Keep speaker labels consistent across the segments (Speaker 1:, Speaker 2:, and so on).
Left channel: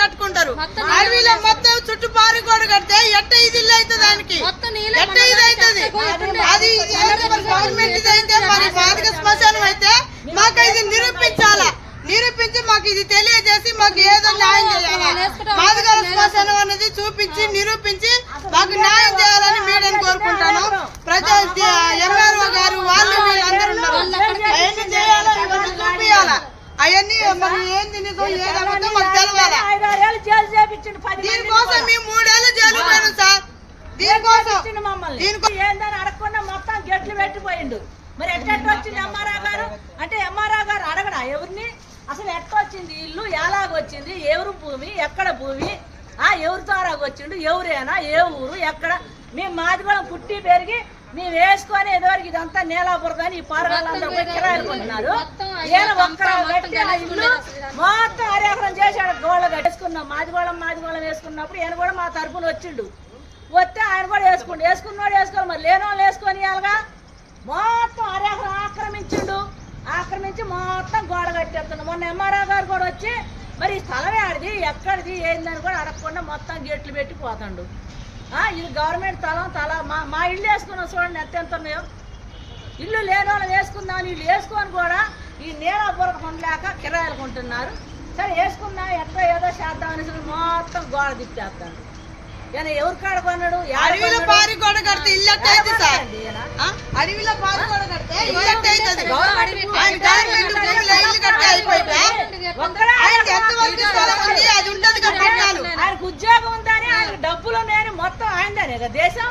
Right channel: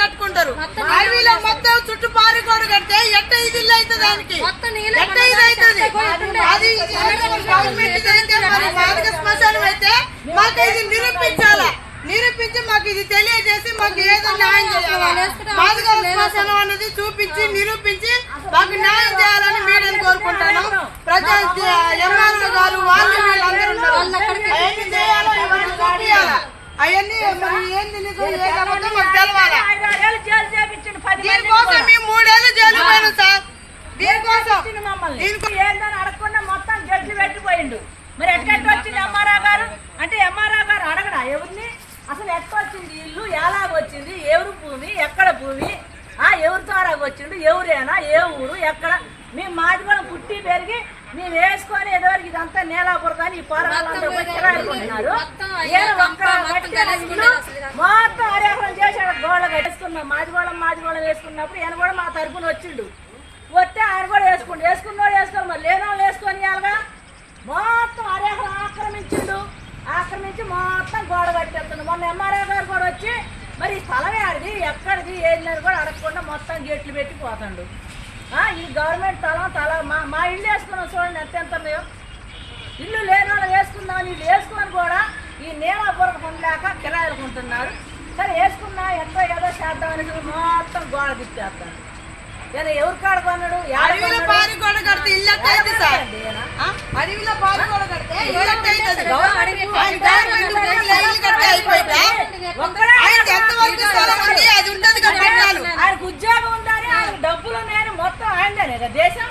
Speaker 1: కట్టుకుంటారు. అడవిలో మొత్తం చుట్టూ పారి గోడ కడితే ఎట్ట ఇది ఇల్లు అవుతుంది దానికి? ఎట్ట ఇది అవుతుంది? అది గవర్నమెంట్ అయితే మరి మాదిక శ్మశానం అయితే మాకు ఇది నిరూపించాలా? నిరూపించి మాకు ఇది తెలియజేసి మాకు ఏదో న్యాయం చేయాలా? మాదిగ శ్మశానం అనేది చూపించి నిరూపించి మాకు న్యాయం చేయాలని మీడియాని కోరుకుంటాను. ప్రజా ఎంఆర్ఓ గారు వాళ్ళు వీళ్ళందరూ ఉన్నారు అవన్నీ చేయాలా ఇవన్నీ చూపించాలా అవన్నీ ఏంది నిజం ఏది అబద్ధం మాకు తెలవాలా?
Speaker 2: ఐదారేళ్ళు జైలు చేపించిండు పది
Speaker 1: దీనికోసం మేము మూడేళ్ళు జైలు పోయాను సార్. దీనికోసం
Speaker 2: ఇచ్చిండు మమ్మల్ని?
Speaker 1: దీనికో-
Speaker 2: ఏందని అడగకుండా మొత్తం గెట్లు పెట్టిపోయిండు. మరి ఎట్లా వచ్చింది ఎంఆర్ఆ గారు? అంటే ఎంఆర్ఆ గారు అడగడా? ఎవరిని? అసలు ఎట్లా వచ్చింది ఇల్లు? ఎలాగ వచ్చింది? ఎవరు భూమి? ఎక్కడ భూమి? ఆ ఎవరి ద్వారా వచ్చిండు? ఎవరేనా? ఏ ఊరు? ఎక్కడ? మేము మాది కూడా పుట్టి పెరిగి మేము వేసుకొని ఎదవరికి ఇదంతా నేలాపురం కానీ ఈ పారగాళ్ళందరూ పోయి కిరాయికుంటున్నారు. ఏదో ఒక్క ఇల్లు మొత్తం అరేకరం చేశాడు గోళ్ళ కట్టేసుకున్నాం. మాదిగోళం మాదిగోళం వేసుకున్నప్పుడు ఈయన కూడా మా తరపున వచ్చిండు. వస్తే ఆయన కూడా వేసుకుండు. వేసుకున్నోడు వేసుకోవాలి మరి లేని వాళ్ళు వేసుకొని ఇవ్వాలిగా? మొత్తం అరేకరం ఆక్రమించిండు. ఆక్రమించి మొత్తం గోడ కట్టేస్తున్నాడు మొన్న ఎంఆర్ఓ గారు కూడా వచ్చి మరి ఈ స్థలం ఆడిది ఎక్కడిది ఏందని కూడా అడగకుండా మొత్తం గేట్లు పెట్టి పోతాడు. ఇది గవర్నమెంట్ స్థలం తల మా మా ఇల్లు వేసుకున్నాం చూడండి ఎంత ఎంత ఉన్నాయో ఇల్లు లేని వాళ్ళు వేసుకుందాం ఇల్లు వేసుకొని కూడా ఈ నీలాపురం ఉండలేక కిరాయిలు కొంటున్నారు. సరే వేసుకున్నా ఎట్లా ఏదో చేద్దాం అనేసి మొత్తం గోడ తిప్పేస్తాను కానీ ఎవరు కాడ కొన్నాడు?
Speaker 1: అడవిలో? పారి గోడ కడితే ఇల్లు సార్? అడవిలో పారి గోడ కడితే ఇల్లు ఎట్ట అవుతుంది
Speaker 2: గవర్నమెంట్
Speaker 1: ఆయన గవర్నమెంట్ భూమిలో ఇల్లు కడితే అయిపోయిందా
Speaker 2: ఒక్కడే
Speaker 1: ఆయనకి ఎంతవరకు స్థలం ఉంది అది ఉంటుంది కట్టించాలి
Speaker 2: ఆయనకు ఉద్యోగం ఉందని ఆయనకు డబ్బులు నేను మొత్తం ఆయనదేనే కదా దేశం?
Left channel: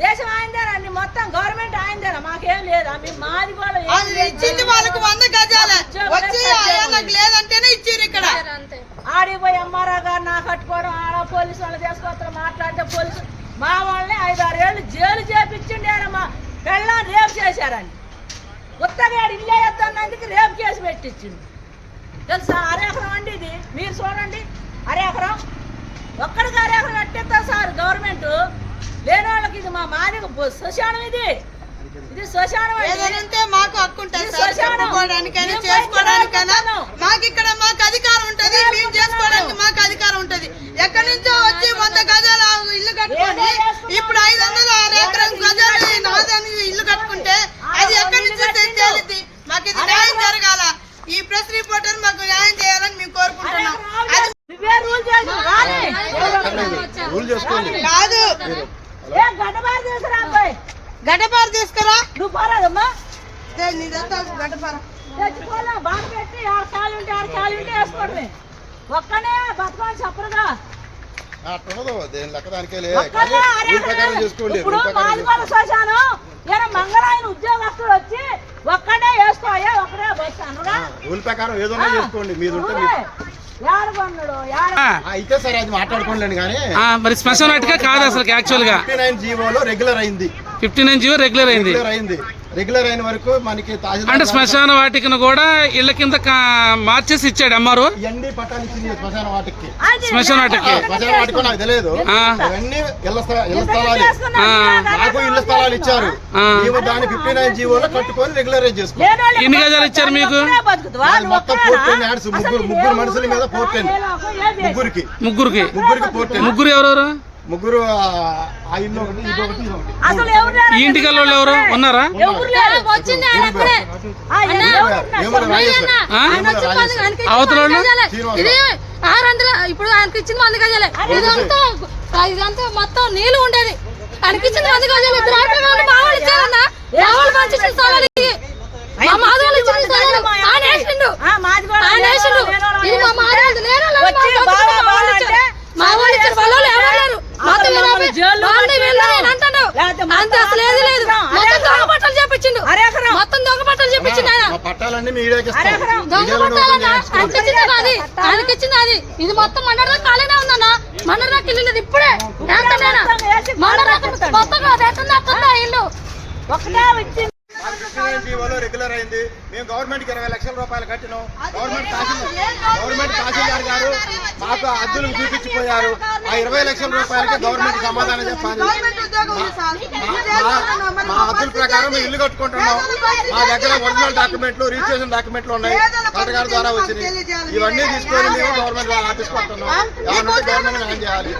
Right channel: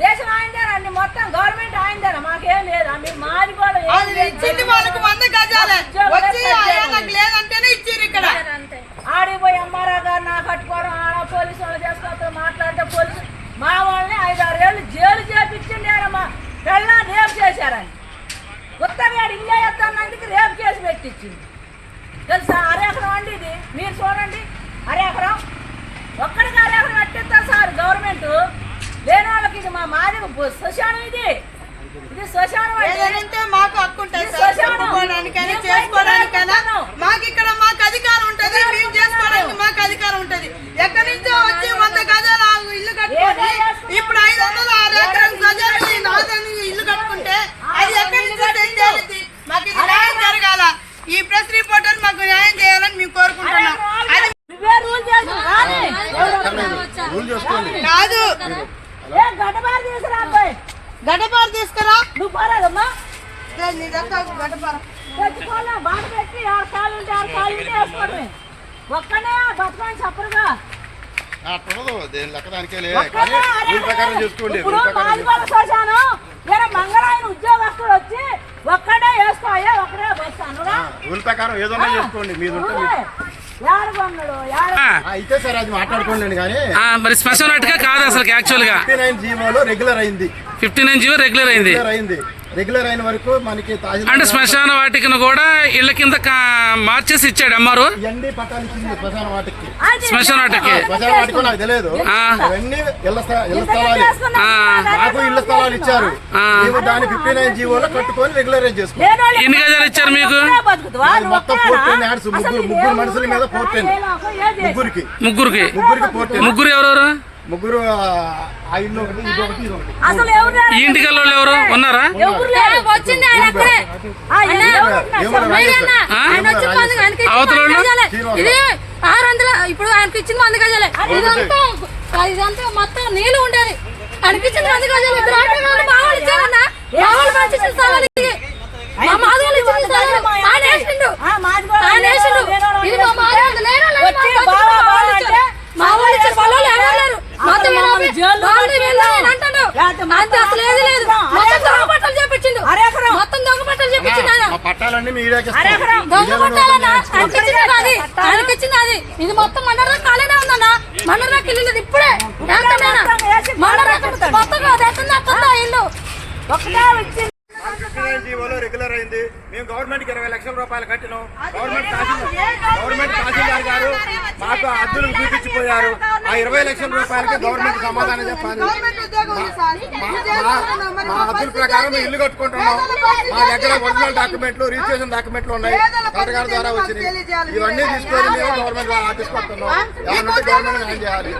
Speaker 2: దేశం ఆయనదేనా అన్ని మొత్తం గవర్నమెంట్ ఆయనదేనా మాకేం లేదా? మీరు మాది కూడా.
Speaker 1: ఇచ్చింది వాళ్ళకి వంద గజాలే. వచ్చి ఆయనకు లేదంటేనే ఇచ్చిర్రు ఇక్కడ.
Speaker 3: అంతే.
Speaker 2: ఆడిపోయి ఎంఆర్ఓ గారు నా కట్టుకోవడం ఆడ పోలీసు వాళ్ళు చేసుకోవడం మాట్లాడితే పోలీసు మా వాళ్ళని ఐదు ఆరు ఏళ్ళు జైలు చేపించండి ఆయన మా పెళ్ళని రేపు చేశారని. ఉత్తగాడు ఇల్లు వేస్తున్నందుకు రేపు కేసు పెట్టించింది తెలుసా? అరెకరం అండి ఇది. మీరు చూడండి. అరెకరం. ఒక్కడికి అరెకరం కట్టిస్తారు సార్ గవర్నమెంట్. లేని వాళ్ళకి ఇది మా మాది శ్మశానం ఇది. ఇది శ్మశానం
Speaker 1: మాకు హక్కు ఉంటుంది చేసుకోవడానికైనా
Speaker 2: బయటకు
Speaker 1: మాకు ఇక్కడ మాకు అధికారం ఉంటది మేము చేసుకోవడానికి మాకు అధికారం ఉంటది. ఎక్కడి నుంచో వచ్చి వంద గజాల ఇల్లు కట్టుకొని ఇప్పుడు ఐదు వందల ఆరు ఎకరం గజాలు ఇల్లు కట్టుకుంటే అది ఎక్కడి నుంచి తెచ్చేది మాకు ఇది న్యాయం జరగాల ఈ ప్రెస్ రిపోర్టర్ మాకు న్యాయం చేయాలని మేము కోరుకుంటున్నాం అది
Speaker 2: ఇవే రూల్ చేసి రాని.
Speaker 4: రూల్ చేసుకోండి
Speaker 1: కాదు.
Speaker 2: ఏ గడ్డబారు తీసుకురా అబ్బాయి.
Speaker 1: గడ్డపారు తీసుకురా.
Speaker 2: నువ్వు పోరాదమ్మా
Speaker 1: నీదంతా గడ్డపార.
Speaker 2: తెచ్చుకోలే బాధ పెట్టి ఆరు కాళ్ళు ఉంటే ఆరు కాళ్ళు ఉంటే వేసుకోవడమే ఒక్కనే బతకని చెప్పరుగా. ఇప్పుడు మాదిగోడ శ్మశానం నేను మంగళాయన ఉద్యోగస్తులు వచ్చి ఒక్కడే వేసుకోయా ఒక్కడే వేస్తానురా
Speaker 4: రూల్ ప్రకారం ఏదైనా చేసుకోండి. మీరు అయితే సరే అది మాట్లాడుకోండి కానీ
Speaker 5: ఆ, మరి శ్మశానం అటుగా కాదు అసలు యాక్చువల్గా.
Speaker 4: ఫిఫ్టీ నైన్ జీవోలో రెగ్యులర్ అయింది.
Speaker 5: Fifty nine G O regular అయింది.
Speaker 4: రెగ్యులర్ అయింది. రెగ్యులర్ అయిన వరకు మనకి
Speaker 5: అంటే శ్మశాన వాటికను కూడా ఇళ్ళ కింద కా- మార్చేసి ఇచ్చాడు అమ్మారు
Speaker 4: ఇవన్నీ పట్టాలు ఇచ్చింది శ్మశాన వాటికి.
Speaker 5: శ్మశాన వాటికి.
Speaker 4: శ్మశాన వాటికి నాకు తెలియదు. అవన్నీ ఇళ్ళ స్థ- ఇళ్ళ స్థలాలు.
Speaker 5: ఆ,
Speaker 4: నాకు ఇళ్ళ స్థలాలు ఇచ్చారు. దాన్ని ఫిఫ్టీ నైన్ జీవోలో కట్టుకొని రెగ్యులరైజ్ చేసుకున్నాం.
Speaker 5: ఎన్ని గజాలు ఇచ్చారు మీకు?
Speaker 4: మొత్తం ఫోర్ టెన్ యాడ్స్. ముగ్గురు ముగ్గురు మనుషుల మీద ఫోర్ టెన్ ముగ్గురికి.
Speaker 5: ముగ్గురికి.
Speaker 4: ముగ్గురికి ఫోర్ టెన్
Speaker 5: ముగ్గురు ఎవరెవరు?
Speaker 4: ముగ్గురు ఆ, ఆ ఇల్లు ఒకటి ఇది ఒకటి ఇది ఒకటి.
Speaker 2: అసలు ఎవరు
Speaker 5: ఈ ఇంటికి వాళ్ళు ఎవరు ఉన్నారా
Speaker 4: రాజేశ్వర్
Speaker 5: ఆ? అవతల వాళ్ళు?
Speaker 3: మంది గజాలే. ఇది ఆరు వందల ఇప్పుడు ఆయనకి ఇచ్చిన మంది గజాలే ఇదంతా ఇదంతా మొత్తం నీళ్ళు ఉండేది. ఆయనకి ఇచ్చిన మంది గజాలు ఇద్దరు ఆటగా ఉండి మా వాళ్ళు ఇచ్చారన్నా మా వాళ్ళు మంచి ఇచ్చిన స్థలాలు ఇవి. మా మాది వాళ్ళు ఇచ్చిన స్థలాలు ఆయన వేసిండు.
Speaker 2: ఆ, మాది కూడా
Speaker 3: ఆయన వేసిండు.
Speaker 2: లేనోడు
Speaker 3: ఇది మా మాది వాళ్ళు లేనోళ్ళు
Speaker 2: వచ్చి
Speaker 3: మా
Speaker 2: బావా,
Speaker 3: వాళ్ళు
Speaker 2: బావా
Speaker 3: ఇచ్చారు.
Speaker 2: అంటే
Speaker 3: మా వాళ్ళు ఇచ్చిన పొలాలు ఎవరు లేరు మొత్తం
Speaker 2: మమ్మల్ని
Speaker 3: యాభై-
Speaker 2: జైల్లో
Speaker 3: వాళ్ళు వీళ్ళు
Speaker 2: పెట్టిండు.
Speaker 3: అని అంటాడు
Speaker 2: లేకపోతే
Speaker 3: అంతే అసలు ఏది లేదు. మొత్తం దొంగ చెప్పించిండు దొంగ చెప్పించిండు ఆయన.
Speaker 4: పట్టాలన్నీ
Speaker 3: దొంగ అది? అది? ఇది మొత్తం మండలం ఉందన్న. ఇప్పుడే. ఇల్లు.
Speaker 2: ఒకటే
Speaker 4: రెగ్యులర్ అయింది. మేము గవర్నమెంట్కి ఇరవై లక్షల రూపాయలు కట్టినాం. గవర్నమెంట్ గవర్నమెంట్ మాకు అద్దులు చూపించిపోయారు. ఆ ఇరవై లక్షల రూపాయలకి గవర్నమెంట్ సమాధానం చెప్పాలి. మా-
Speaker 1: ఇది
Speaker 4: మా అద్దుల ప్రకారం మేము ఇల్లు కట్టుకుంటున్నాం. మా దగ్గర ఒరిజినల్ డాక్యుమెంట్లు రిజిస్ట్రేషన్ డాక్యుమెంట్లు ఉన్నాయి. కలెక్టర్ గారి ద్వారా వచ్చినాయి ఇవన్నీ తీసుకొని మేము గవర్నమెంట్ ఆఫీస్కి వస్తున్నాం. ఏమన్నా గవర్నమెంట్ న్యాయం చేయాలి.